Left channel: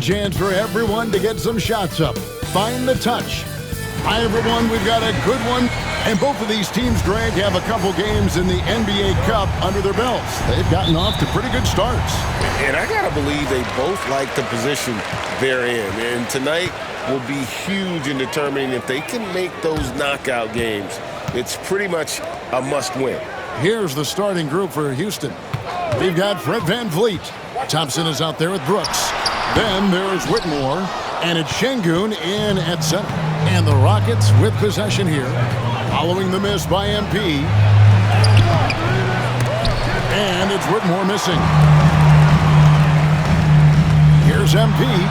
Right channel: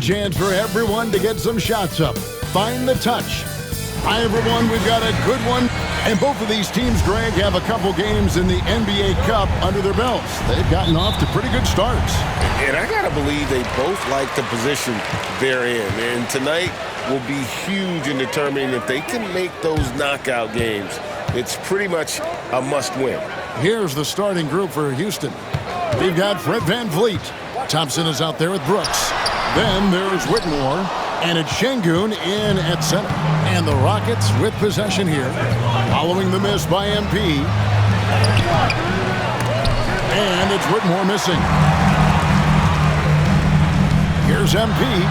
Chance for everyone to get some shots up. Find the touch. Hi, everyone. We've got a good one. And both of these teams, Greg, have a couple games in the NBA Cup under their belts. They've gotten off to pretty good starts. And I got to believe they both like the position they're in. And tonight will be huge in determining if they can make those knockout games. It's pretty much a must-win. Here's the starting group for Houston. We've got Fred VanVleet. Thompson is out there with Brooks. Then there's Whitmore. And it's Şengün in at center. And the Rockets with possession here. Following the miss by MP. And it's Whitmore missing. Here's MP.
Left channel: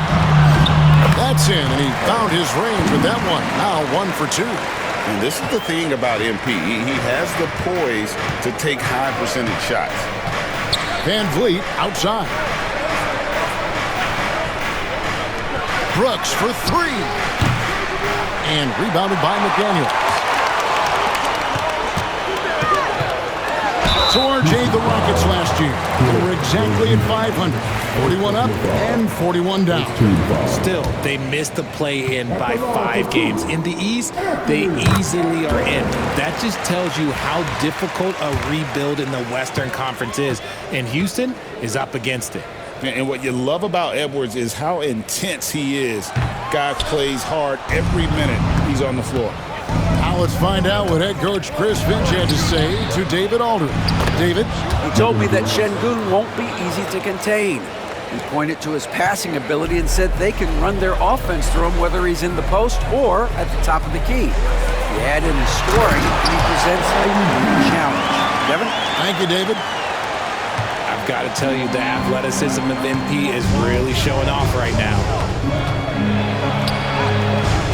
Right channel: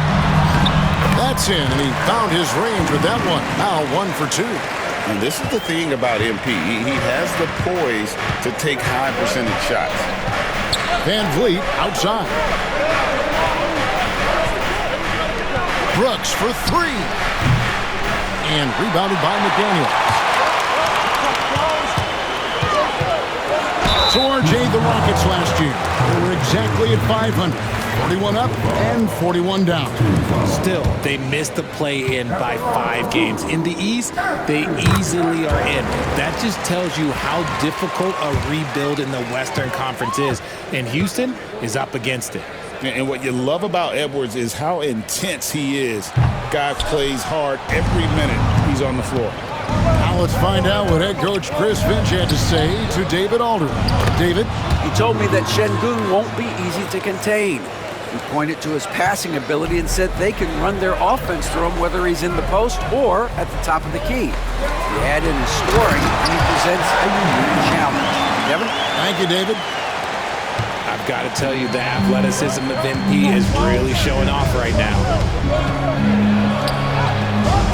That's in, and he found his range with that one. Now 1 for 2. And this is the thing about MP. He has the poise to take high percentage shots. VanVleet outside. Brooks for 3. And rebounded by McDaniels. So RJ, the Rockets last year, they were exactly at 500. 41 up and 41 down. Still, they missed the play-in by 5 games. In the East, they easily are in. That just tells you how difficult a rebuild in the Western Conference is. And Houston is up against it. And what you love about Edwards is how intense he is. Guy plays hard every minute he's on the floor. Now let's find out what head coach Chris Finch had to say to David Aldridge. David? He told me that Şengün won't be easy to contain. He pointed to his passing ability and said they can run their offense through him whether he's in the post or at the top of the key. He added his scoring, and he presents a unique challenge. Kevin? Thank you, David. I've got to tell you, the athleticism of MP is really showing off right now.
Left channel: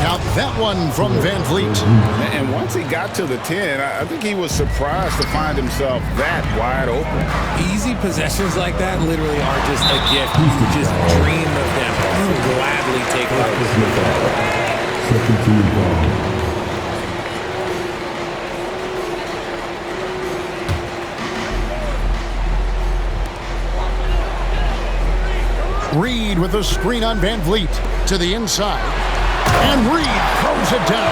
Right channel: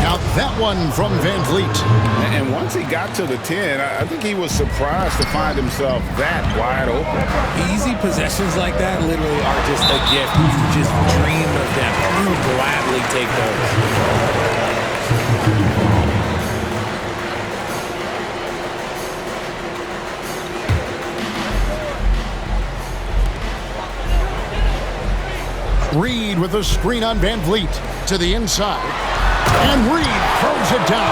Count that one from VanVleet. And once he got to the 10, I think he was surprised to find himself that wide open. Easy possessions like that literally are just a gift. You just dream of them. You'll gladly take those. Reed with a screen on VanVleet to the inside. And Reed throws it down.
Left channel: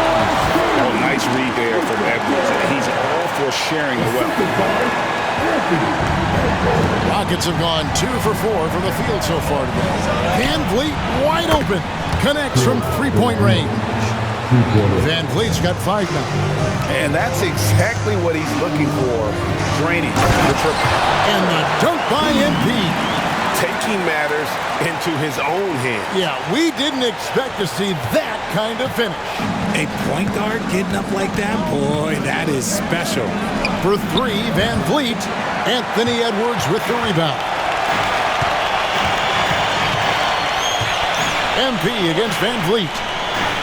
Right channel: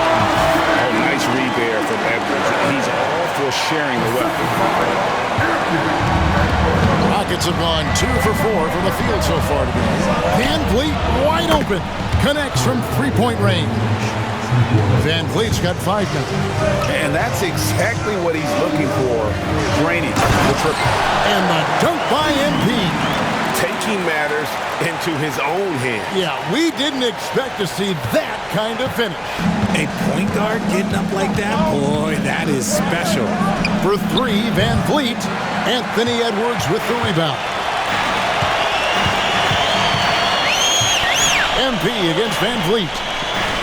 Oh, nice read there from Edwards. He's all for sharing the wealth. Rockets have gone 2 for 4 from the field so far today. VanVleet wide open. Connects from three-point range. VanVleet's got 5 now. And that's exactly what he's looking for. Draining the triple. And the dunk by MP. Taking matters into his own hands. Yeah, we didn't expect to see that kind of finish. A point guard getting up like that? Boy, that is special. For 3, VanVleet. Anthony Edwards with the rebound. MP against VanVleet.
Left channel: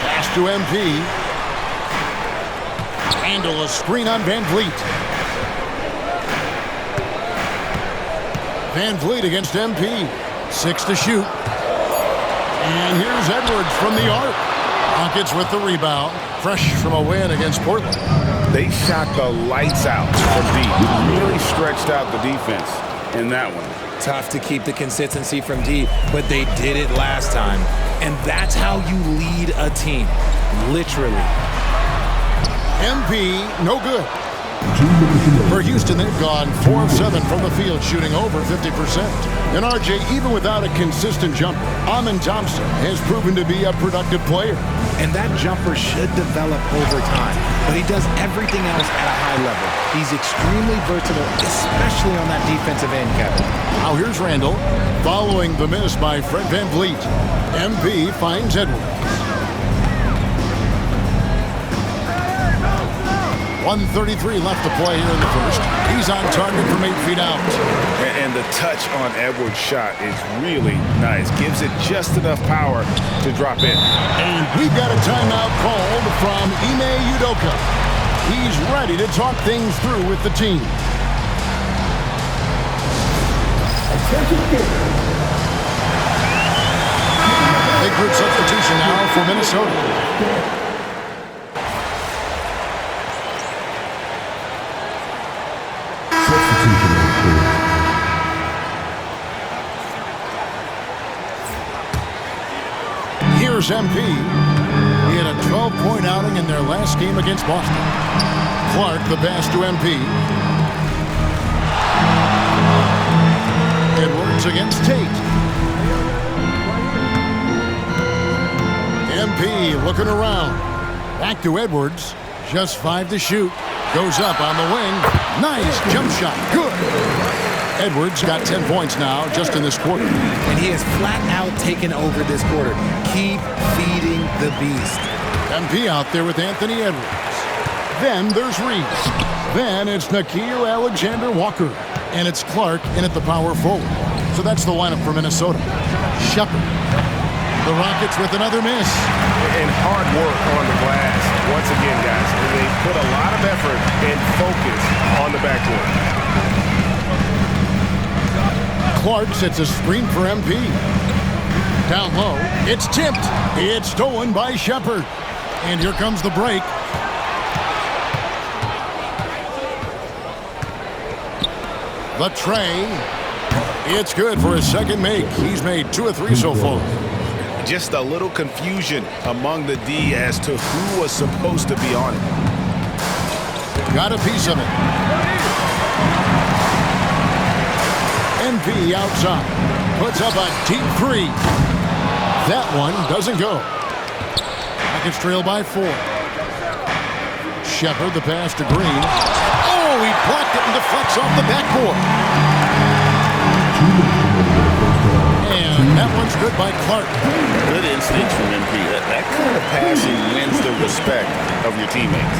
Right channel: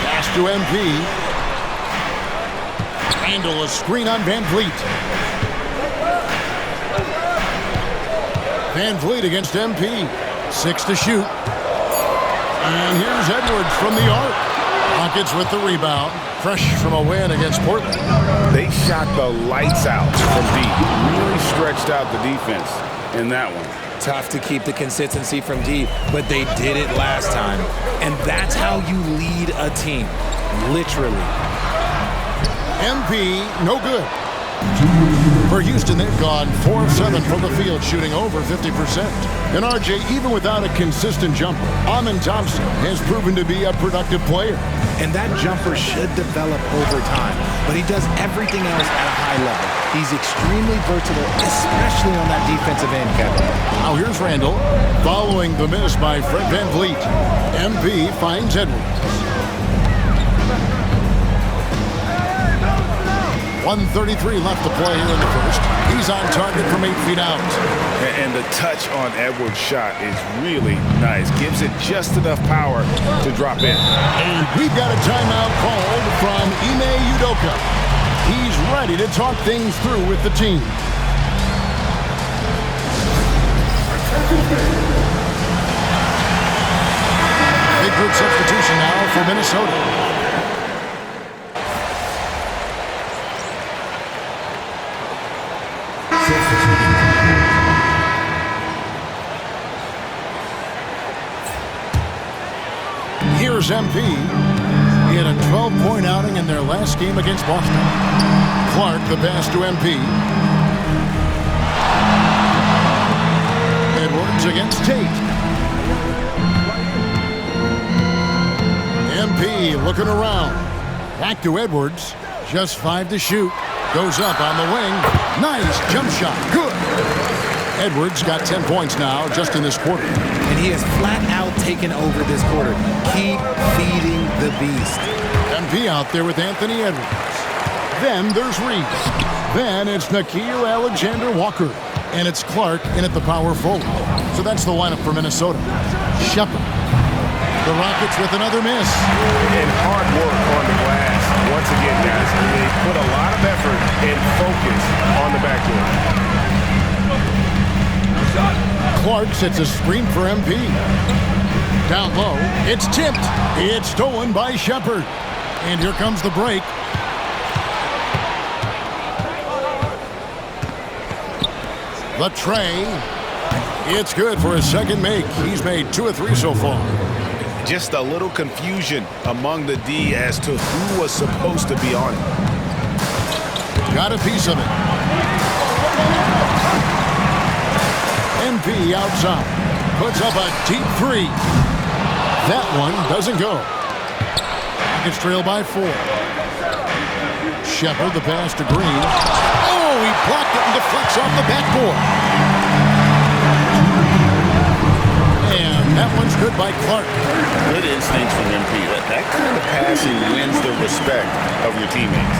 Pass to MP. Randle a screen on VanVleet. VanVleet against MP. 6 to shoot. And here's Edwards from the arc. Rockets with the rebound. Fresh from a win against Portland. They shot the lights out from deep. Really stretched out the defense in that one. Tough to keep the consistency from deep, but they did it last time. And that's how you lead a team. Literally. MP, no good. For Houston, they've gone 4 of 7 from the field, shooting over 50%. And RJ, even without a consistent jumper, Amen Thompson has proven to be a productive player. And that jumper should develop over time, but he does everything else at a high level. He's extremely versatile, especially on that defensive end, Kevin. Now here's Randle, following the miss by Fred VanVleet. MP finds Edwards. 1:33 left to play here in the first. He's on target from 8 feet out. And the touch on Edwards' shot is really nice. Gives it just enough power to drop in. And we've got a timeout called from Ime Udoka. He's ready to talk things through with the team. Big group substitution now for Minnesota. Here's MP. He had a 12-point outing in their last game against Boston. Clark, the pass to MP. Edwards against Tate. MP looking around. Back to Edwards. Just 5 to shoot. Goes up on the wing. Nice jump shot. Good. Edwards got 10 points now just in this quarter. And he has flat out taken over this quarter. Keep feeding the beast. MP out there with Anthony Edwards. Then there's Reeves. Then it's Nickeil Alexander-Walker. And it's Clark in at the power forward. So that's the lineup for Minnesota. Shepard. The Rockets with another miss. And hard work on the glass. Once again, guys, they put a lot of effort and focus on the backcourt. Clark sets a screen for MP. Down low, it's tipped. It's stolen by Shepard. And here comes the break. The tray. It's good for his second make. He's made 2 of 3 so far. Just a little confusion among the D as to who was supposed to be on it. Got a piece of it. MP outside. Puts up a deep 3. That one doesn't go. Rockets trail by 4. Shepard, the pass to Green. Oh, he blocked it and deflects off the backboard. And that one's good by Clark. Good instincts from MP. That kind of passing wins the respect of your teammates.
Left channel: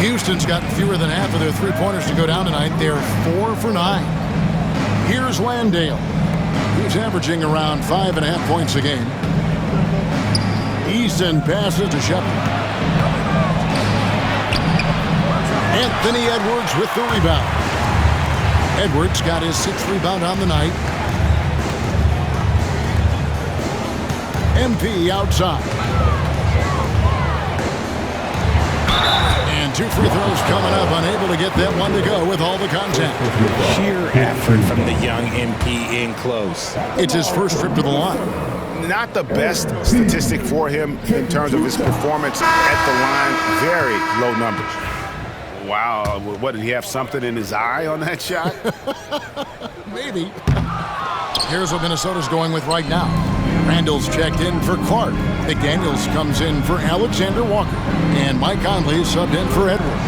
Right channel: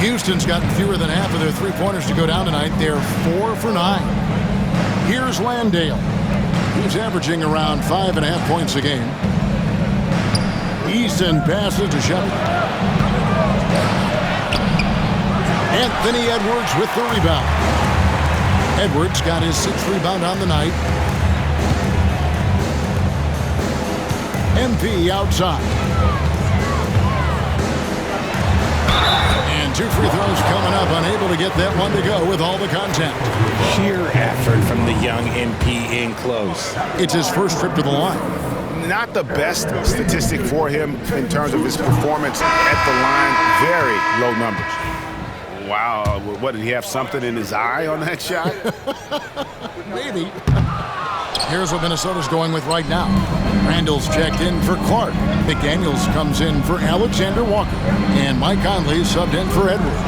Houston's gotten fewer than half of their three-pointers to go down tonight. They're 4 for 9. Here's Landale. He's averaging around 5.5 points a game. Easton passes to Shepard. Anthony Edwards with the rebound. Edwards got his 6th rebound on the night. MP outside. And 2 free throws coming up, unable to get that one to go with all the contact. Sheer effort from the young MP in close. It's his first trip to the line. Not the best statistic for him in terms of his performance at the line. Very low numbers. Wow, what, did he have something in his eye on that shot? Maybe. Here's what Minnesota's going with right now. Randall's checked in for Clark. McDaniels comes in for Alexander-Walker. And Mike Conley subbed in for Edwards.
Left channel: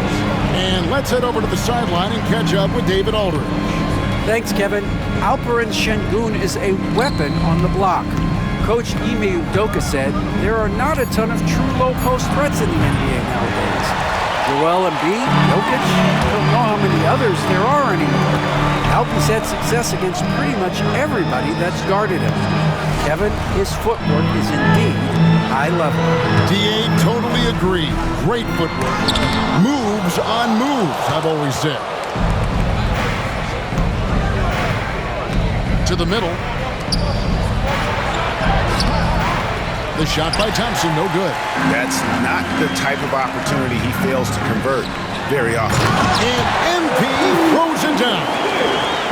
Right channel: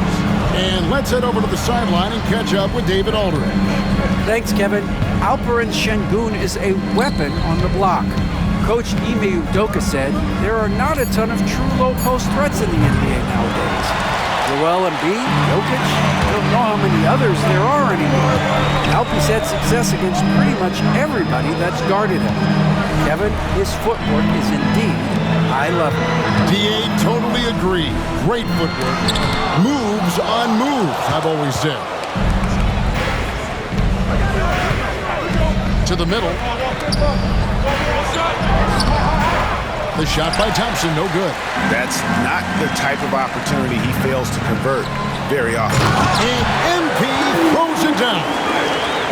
And let's head over to the sideline and catch up with David Aldridge. Thanks, Kevin. Alperen Şengün is a weapon on the block. Coach Ime Udoka said there are not a ton of true low-post threats in the NBA nowadays. Joel Embiid, Jokic, I don't know how many others there are anymore. Alpy's had success against pretty much everybody that's guarded him. Kevin, his footwork is indeed high level. DA totally agree. Great footwork. Moves on moves, I've always said. To the middle. The shot by Thompson, no good. That's not the type of opportunity he fails to convert very often. And MP throws it down.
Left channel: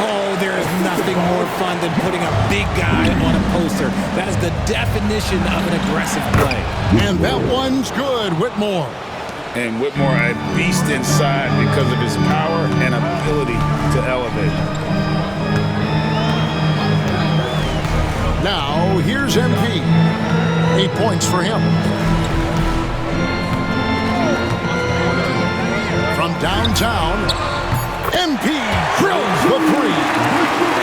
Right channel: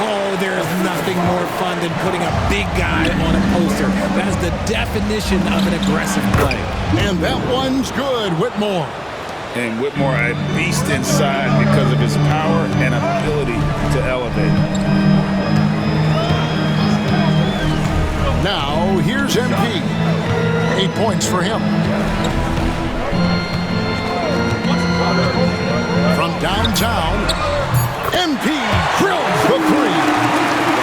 Oh, there's nothing more fun than putting a big guy on a poster. That is the definition of an aggressive play. And that one's good, Whitmore. And Whitmore, a beast inside because of his power and ability to elevate. Now, here's MP. 8 points for him. From downtown, MP drills the 3.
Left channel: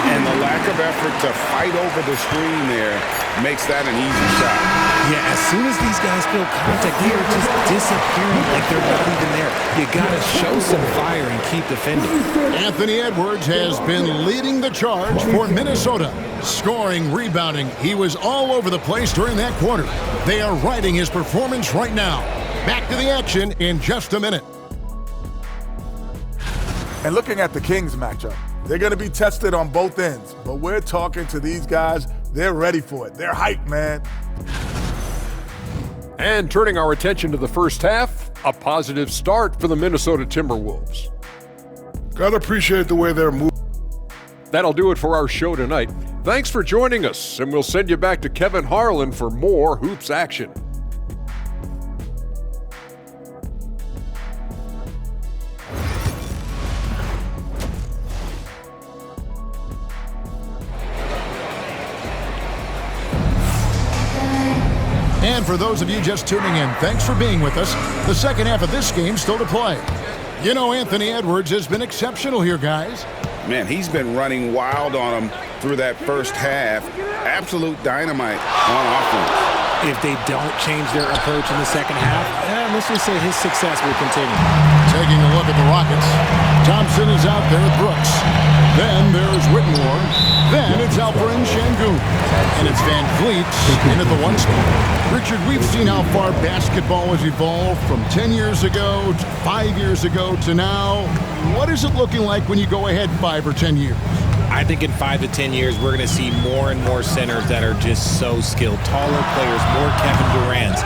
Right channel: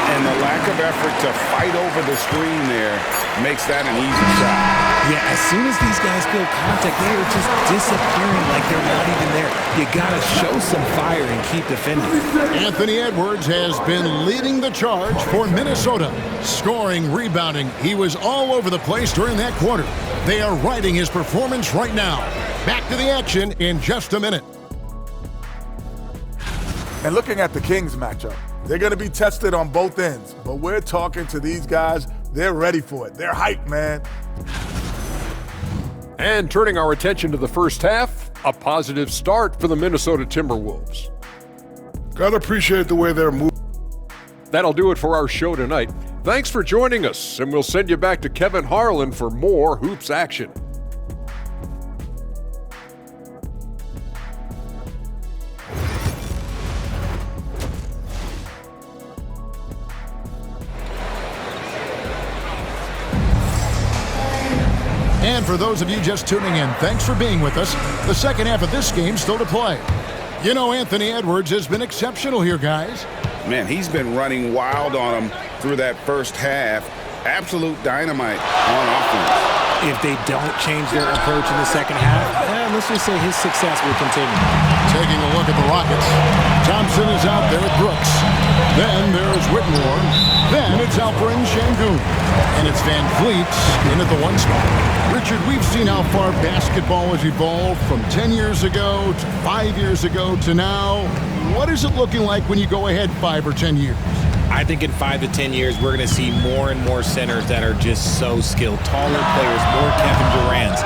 And the lack of effort to fight over the screen there makes that an easy shot. Yeah, as soon as these guys feel contact, they are just disappearing like they're not even there. You gotta show some fire and keep defending. Anthony Edwards has been leading the charge for Minnesota. Scoring, rebounding, he was all over the place during that quarter. They are riding his performance right now. Back to the action in just a minute. And looking at the Kings matchup, they're going to be tested on both ends. But we're talking to these guys, they're ready for it. They're hyped, man. And turning our attention to the first half, a positive start for the Minnesota Timberwolves. Gotta appreciate the way they're moving. That'll do it for our show tonight. Thanks for joining us, and we'll send you back to Kevin Harlan for more hoops action. And for those of you just tuning in, thanks for being with us. The second half of this game still to play. You know, Anthony Edwards has been exceptional here, guys. Man, he's been running wild on him through that first half. Absolute dynamite on offense. If they don't change their approach in the second half, let's just say his success will continue. Taking a look at the Rockets. Thompson is out there with Brooks. Then there's Whitmore. Then it's Alperen Sengun. And it's Van Vliet in at the one spot. Richard, we've seen how far basketball has evolved from 10 years ago to 5 years ago to now. What is it looking like when you go ahead 5 or 10 years? I think in 5 to 10 years, we're going to see more and more centers that are just so skilled. Taller players, more Kevin Durant's.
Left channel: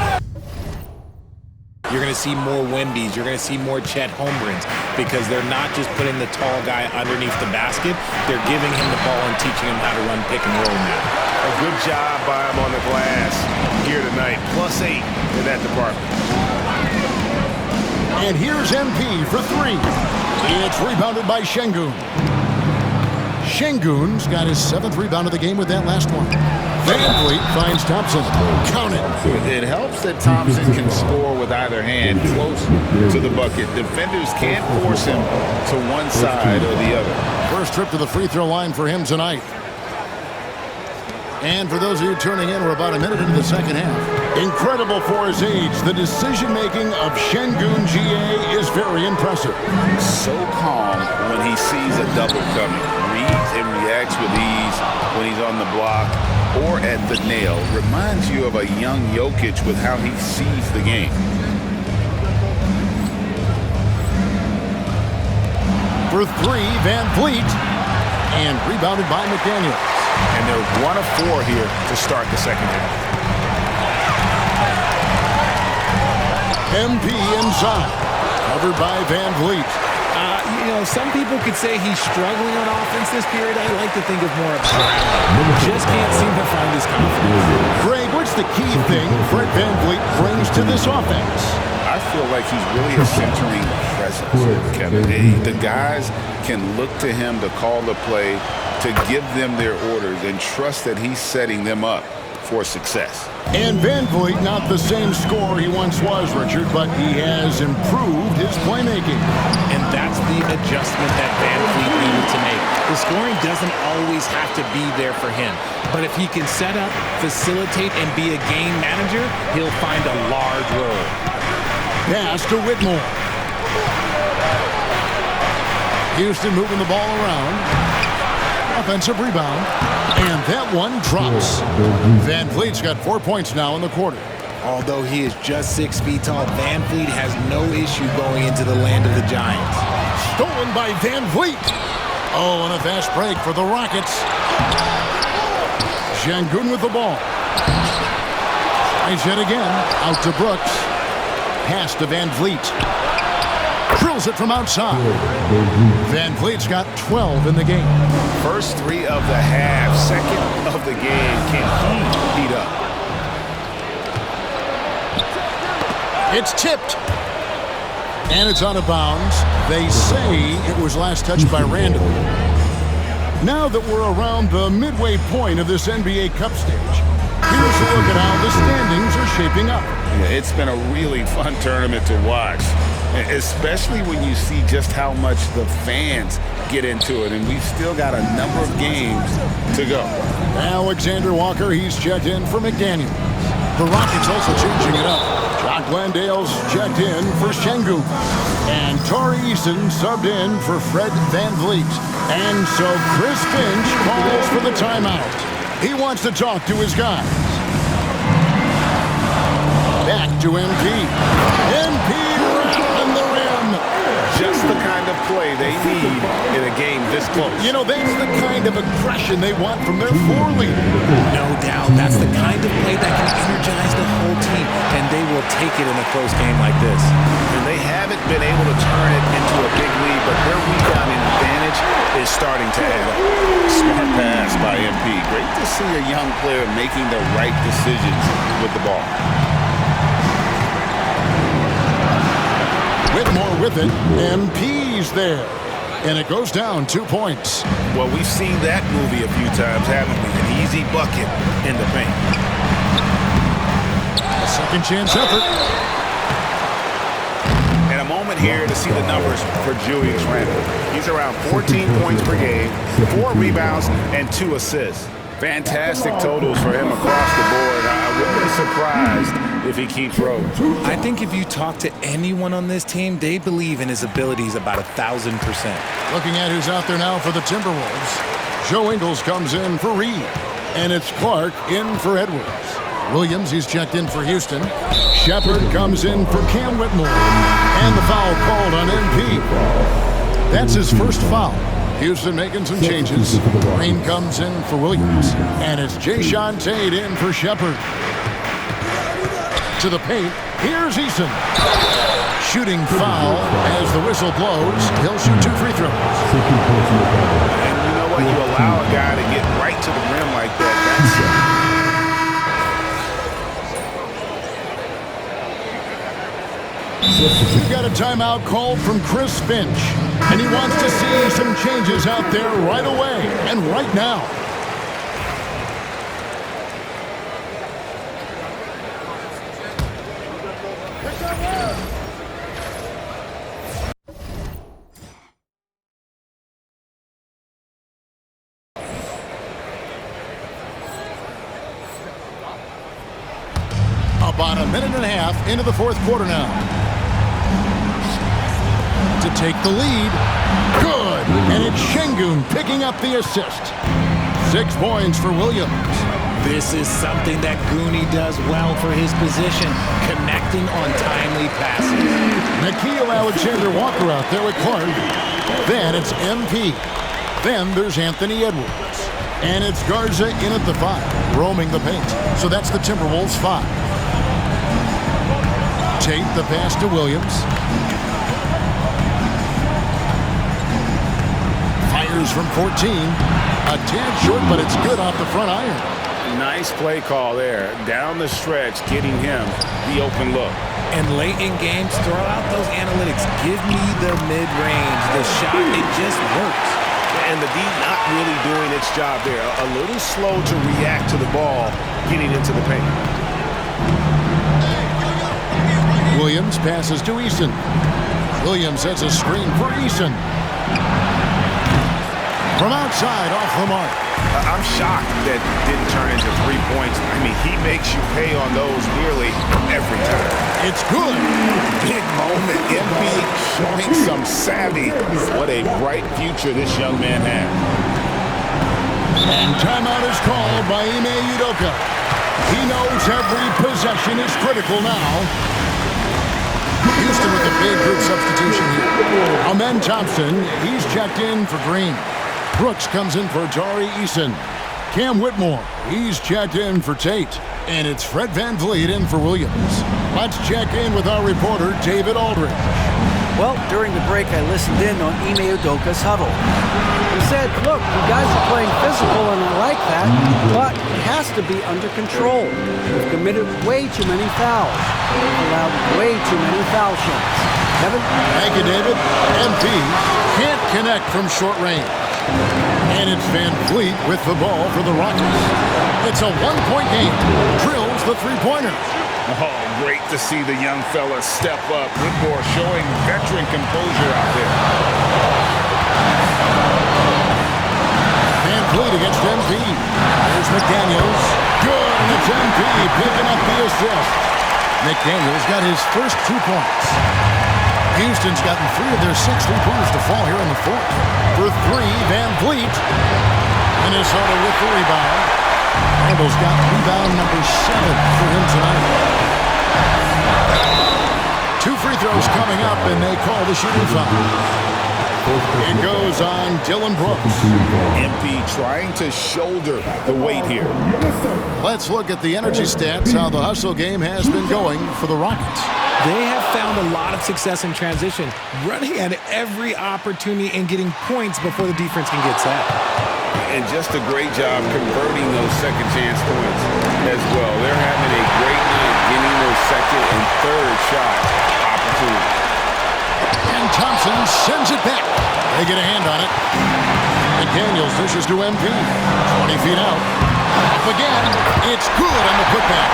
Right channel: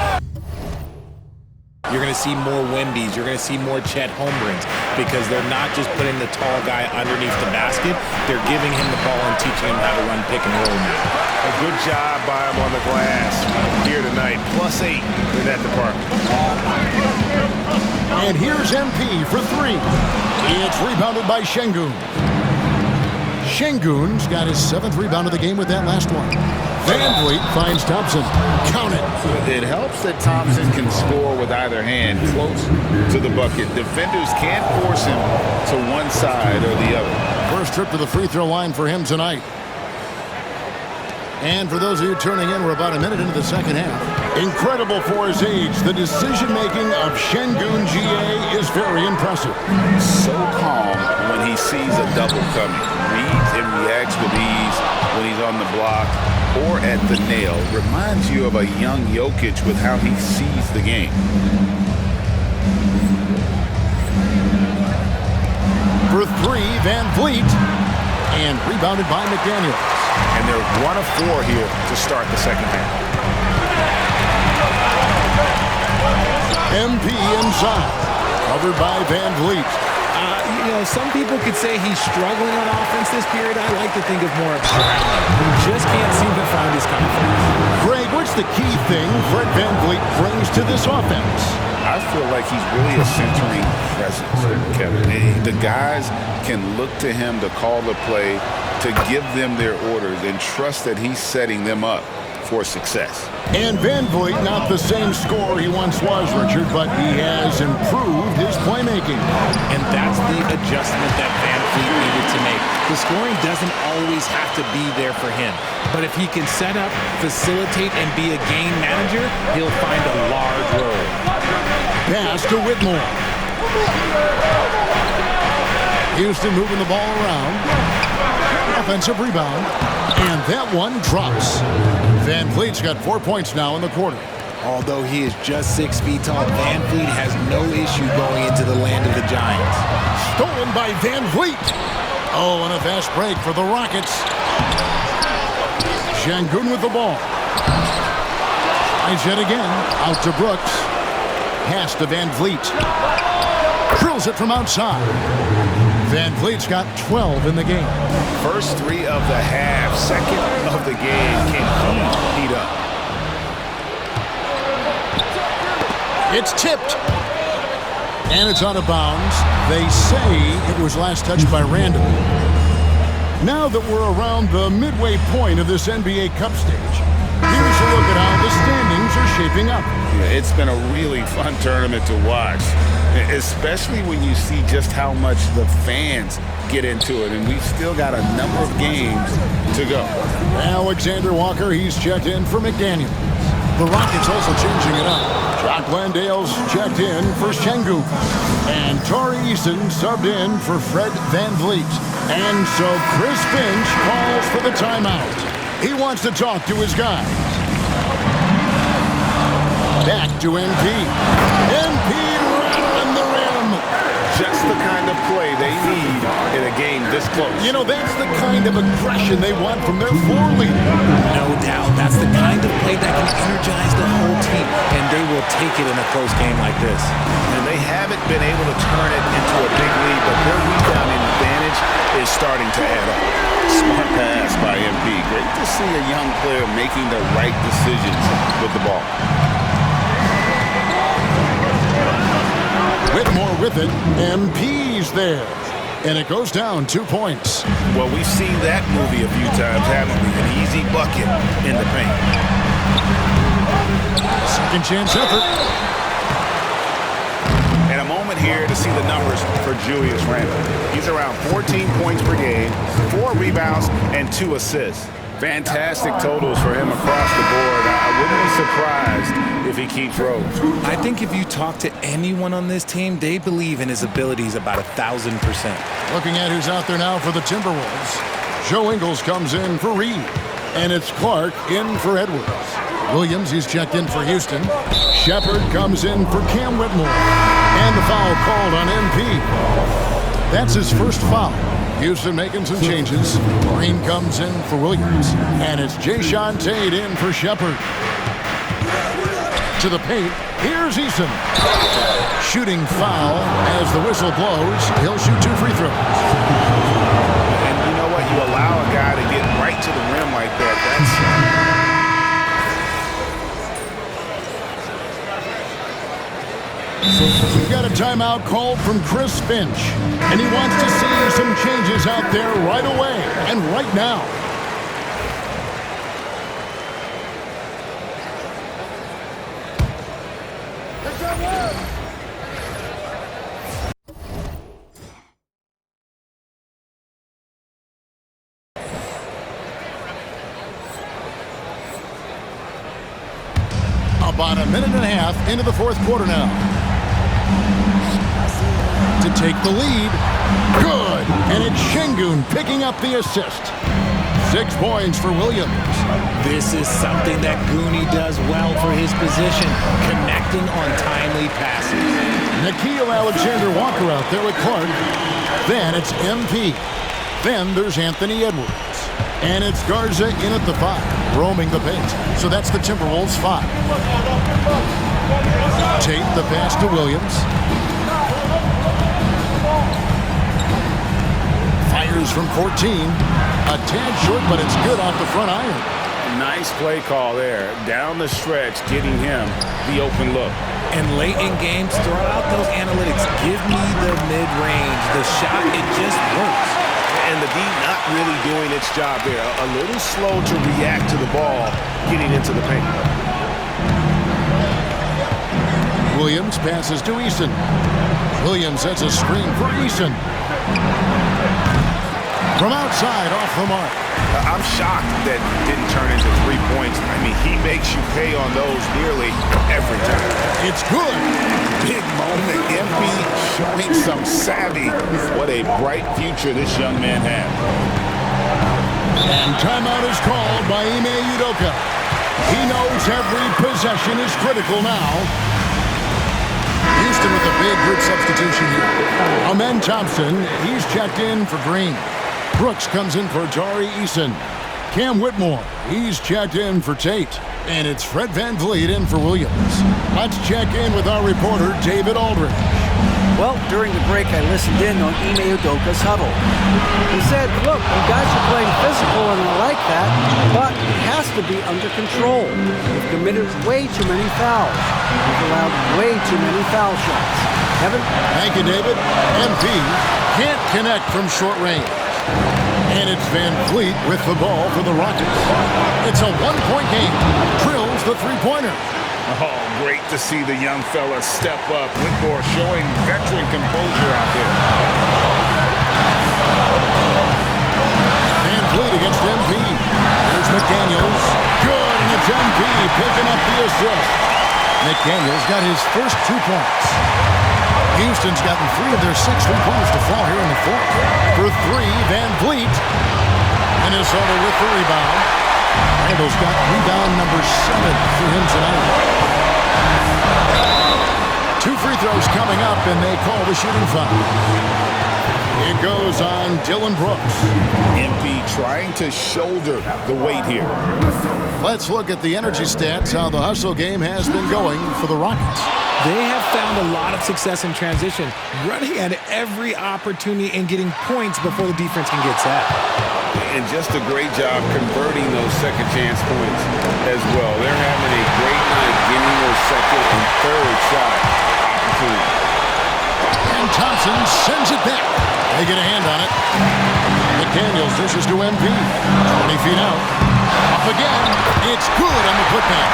You're going to see more Wembys. You're going to see more Chet Holmgrens because they're not just putting the tall guy underneath the basket. They're giving him the ball and teaching him how to run pick and roll now. A good job by him on the glass here tonight. +8 in that department. And here's MP for 3. It's rebounded by Sengun. Sengun's got his 7th rebound of the game with that last one. Van Vliet finds Thompson. Count it. It helps that Thompson can score with either hand close to the bucket. Defenders can't force him to one side or the other. First trip to the free throw line for him tonight. And for those of you turning in, we're about a minute into the second half. Incredible for his age. The decision-making of Sengun GA is very impressive. So calm when he sees a double coming. Reads and reacts with ease when he's on the block or at the nail. Reminds you of a young Jokic with how he sees the game. For 3, Van Vliet. And rebounded by McDaniels. And they're 1 of 4 here to start the second half. MP inside. Covered by Van Vliet. Some people could say he's struggling on offense this period. I like to think of more of drowning. Just can't seem to find his confidence. Greg, what's the key thing Fred Van Vliet brings to this offense? I feel like he's really a centering presence, Kevin. The guys can look to him to call the play, to give them their orders, and trust that he's setting them up for success. And Van Vliet, not the same scorer he once was, Richard, but he has improved his playmaking. And that's the adjustment that Van Vliet needed to make. The scoring doesn't always have to be there for him. But if he can set up, facilitate, and be a game manager, he'll find a large role. Pass to Whitmore. Houston moving the ball around. Offensive rebound. And that one drops. Van Vliet's got 4 points now in the quarter. Although he is just 6 feet tall, Van Vliet has no issue going into the land of the Giants. Stolen by Van Vliet. Oh, and a fast break for the Rockets. Sengun with the ball. Tries yet again. Out to Brooks. Pass to Van Vliet. Drills it from outside. Van Vliet's got 12 in the game. First 3 of the half, second of the game. Can he heat up? It's tipped. And it's out of bounds. They say it was last touched by Randall. Now that we're around the midway point of this NBA Cup stage, here's a look at how the standings are shaping up. Yeah, it's been a really fun tournament to watch, especially when you see just how much the fans get into it, and we've still got a number of games to go. Alexander Walker, he's checked in for McDaniels. The Rockets also changing it up. Jock Landale's checked in for Sengun. And Torrey Eason subbed in for Fred Van Vliet. And so Chris Finch calls for the timeout. He wants to talk to his guys. Back to MP. MP rattling the rim. just the kind of play they need in a game this close. You know, that's the kind of aggression they want from their floor leader. No doubt. That's the kind of play that can energize the whole team, and they will take it in a close game like this. And they haven't been able to turn it into a big lead, but their rebounding advantage is starting to add up. Smart pass by MP. Great to see a young player making the right decisions with the ball. Whitmore with it. MP's there. And it goes down 2 points. Well, we've seen that movie a few times, haven't we? An easy bucket in the paint. A second chance effort. And a moment here to see the numbers for Julius Randle. He's around 14 points per game, 4 rebounds, and 2 assists. Fantastic totals for him across the board. I wouldn't be surprised if he keeps rolling. I think if you talk to anyone on this team, they believe in his abilities about 1,000%. Looking at who's out there now for the Timberwolves. Joe Ingles comes in for Reed. And it's Clark in for Edwards. Williams, he's checked in for Houston. Shepard comes in for Cam Whitmore. And the foul called on MP. That's his first foul. Houston making some changes. Green comes in for Williams. And it's Jayshawn Tate in for Shepard. To the paint, here's Eason. Shooting foul as the whistle blows. He'll shoot 2 free throws. And you know what? You allow a guy to get right to the rim like that. We've got a timeout called from Chris Finch. And he wants to see some changes out there right away and right now. About a minute and a half into the fourth quarter now. To take the lead. Good. And it's Şengün picking up the assist. 6 points for Williams. This is something that Goonie does well for his position, connecting on timely passes. Nickeil Alexander-Walker out there with Clark. Then it's MP. Then there's Anthony Edwards. And it's Garza in at the 5, roaming the paint. So that's the Timberwolves 5. Tate the pass to Williams. Fires from 14. A tad short, but it's good off the front iron. Nice play call there. Down the stretch, getting him the open look. And late in games, throw out those analytics. Give me the mid-range. The shot, it just works. And the D not really doing its job there. A little slow to react to the ball getting into the paint. Williams passes to Eason. Williams sets a screen for Eason. From outside, off the mark. I'm shocked that didn't turn into 3 points. I mean, he makes you pay on those nearly every time. It's good. Big moment. MP showing some savvy. What a bright future this young man has. And timeout is called by Ime Udoka. He knows every possession is critical now. Houston with a big group substitution here. Amen Thompson, he's checked in for Green. Brooks comes in for Tari Eason. Cam Whitmore, he's checked in for Tate. And it's Fred VanVleet in for Williams. Let's check in with our reporter, David Aldridge. Well, during the break, I listened in on Ime Udoka's huddle. He said, look, you guys are playing physical, and I like that, but it has to be under control. We've committed way too many fouls. We've allowed way too many foul shots. Kevin? Thank you, David. MP can't connect from short range. And it's VanVleet with the ball for the Rockets. It's a 1-point game. Drills the three-pointer. Oh, great to see the young fella step up. Whitmore showing veteran composure out there. VanVleet against MP. There's McDaniels. Good, and it's MP picking up the assist. McDaniels got his first 2 points. Houston's gotten 3 of their 6 3-pointers to fall here in the fourth. For 3, VanVleet. Minnesota with the rebound. Randall's got rebound number 7 for him tonight. 2 free throws coming up, and they call the shooting foul. It goes on Dylan Brooks. MP trying to shoulder the weight here. Let's look at the energy stats, how the hustle game has been going for the Rockets. They have found a lot of success in transition, running at every opportunity and getting points before the defense can get set. And just a great job converting those second chance points as well. They're having a great night getting those second and third shot opportunities. And Thompson sends it back. They get a hand on it. McDaniels dishes to MP. 20 feet out. Up again. It's good on the putback.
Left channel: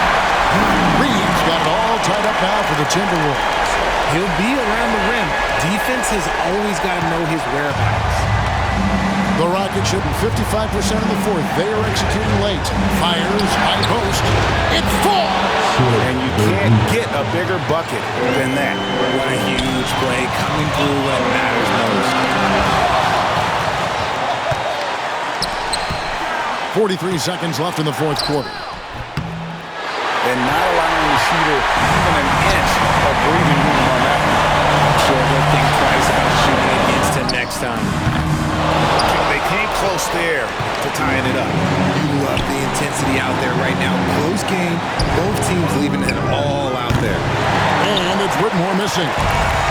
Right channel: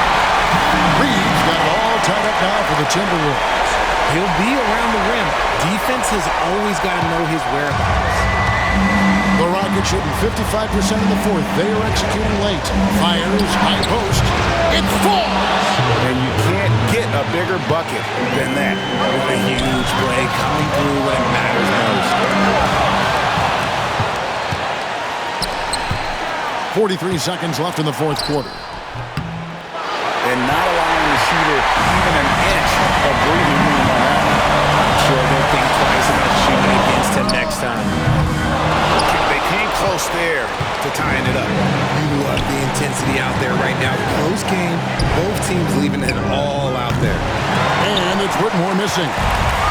Reeves got it all tied up now for the Timberwolves. He'll be around the rim. Defense has always got to know his whereabouts. The Rockets shooting 55% in the fourth. They are executing late. Fires, high post. It falls! And you can't get a bigger bucket than that. What a huge play coming through when it matters most. 43 seconds left in the fourth quarter. And not allowing the shooter even an inch of breathing room on that one. I'm sure they'll think twice about shooting against him next time. They came close there to tying it up. You love the intensity out there right now. Close game. Both teams leaving it all out there. And it's Whitmore missing.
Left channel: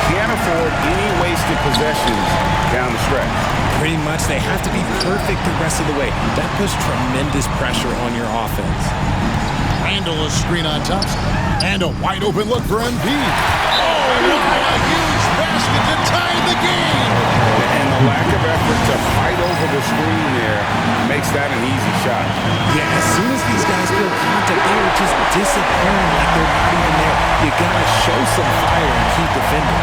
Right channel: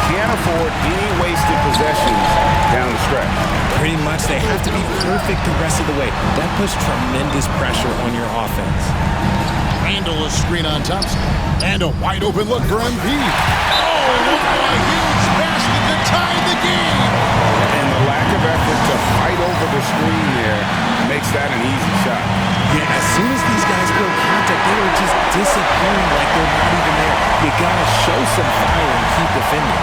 Can't afford any wasted possessions down the stretch. Pretty much they have to be perfect the rest of the way. That puts tremendous pressure on your offense. Randall is screen on Thompson. And a wide open look for MP. Oh, wow, a huge basket to tie the game. And the lack of effort to fight over the screen there makes that an easy shot. Yeah, as soon as these guys feel contact, they are just disappearing like they're not even there. You got to show some fire and keep defending.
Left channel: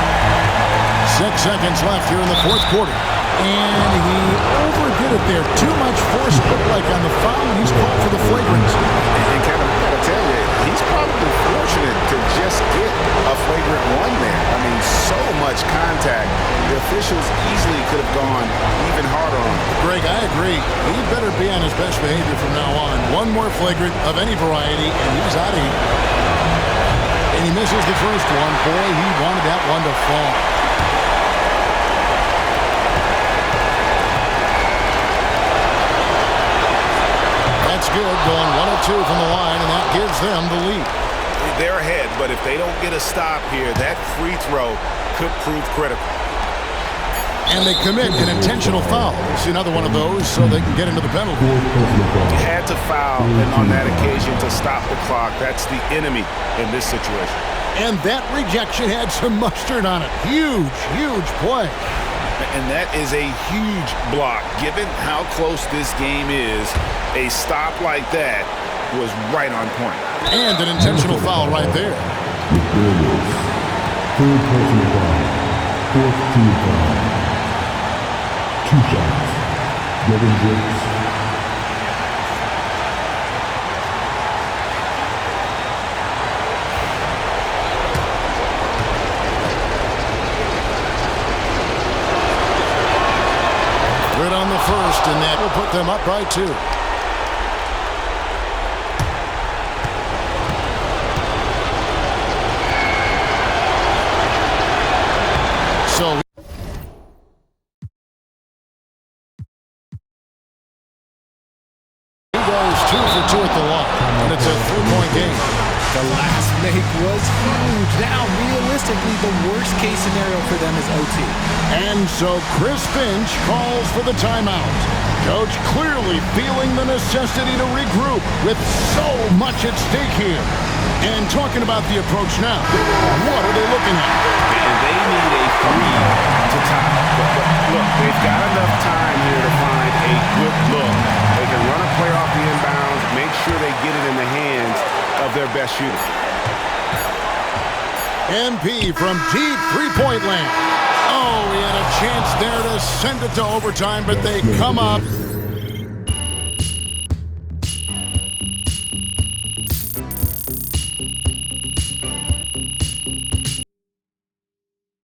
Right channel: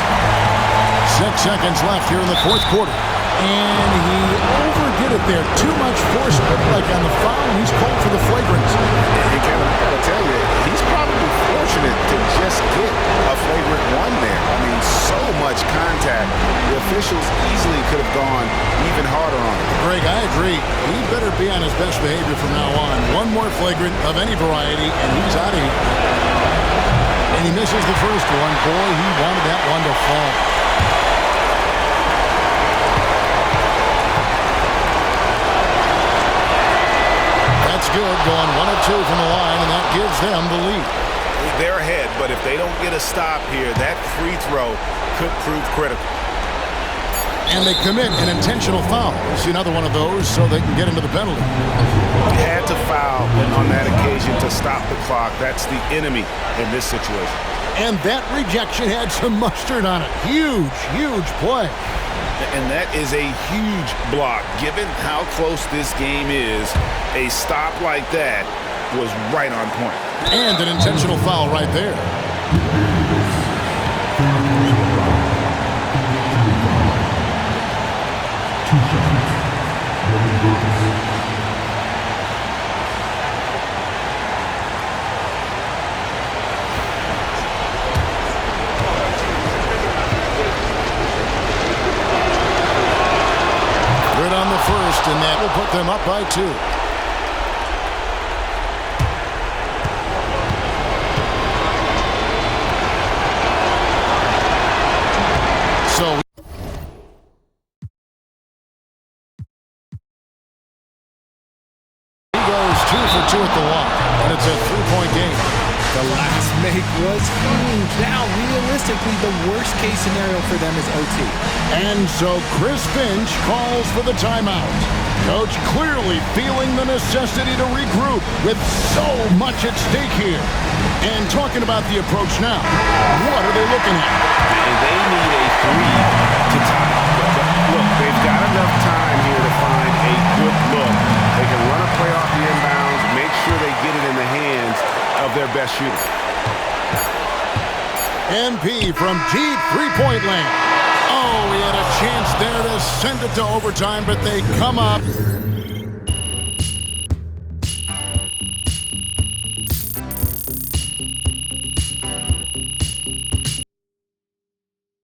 6 seconds left here in the fourth quarter. And he overdid it there. Too much force, looked like on the foul, and he's called for the flagrant. And Kevin, I got to tell you, he's probably fortunate to just get a flagrant one there. I mean, so much contact. The officials easily could have gone even harder on it. Greg, I agree. He better be on his best behavior from now on. One more flagrant of any variety, and he's out of here. And he misses the first one. Boy, he wanted that one to fall. That's good, going 1 of 2 from the line, and that gives them the lead. They're ahead, but if they don't get a stop here, that free throw could prove critical. And they commit an intentional foul. We'll see another one of those so they can get into the penalty. Had to foul on that occasion to stop the clock. That's the enemy in this situation. And that rejection had some mustard on it. Huge, huge play. And that is a huge block. Given how close this game is, a stop like that was right on point. And an intentional foul right there. Two shots. Devin Brooks. Good on the first, and that will put them up by 2. So he goes 2 for 2 at the line, and it's a 3-point game. The last make was huge. Now, realistically, the worst-case scenario for them is OT. And so Chris Finch calls for the timeout. Coach clearly feeling the necessity to regroup with so much at stake here. And talking about the approach now, what are they looking at? And they need a 3 to tie. But look, they've got enough time here to find a good look. They can run a play off the inbounds, make sure they get it in the hands of their best shooter. MP from deep three-point land. Oh, he had a chance there to send it to overtime, but they come up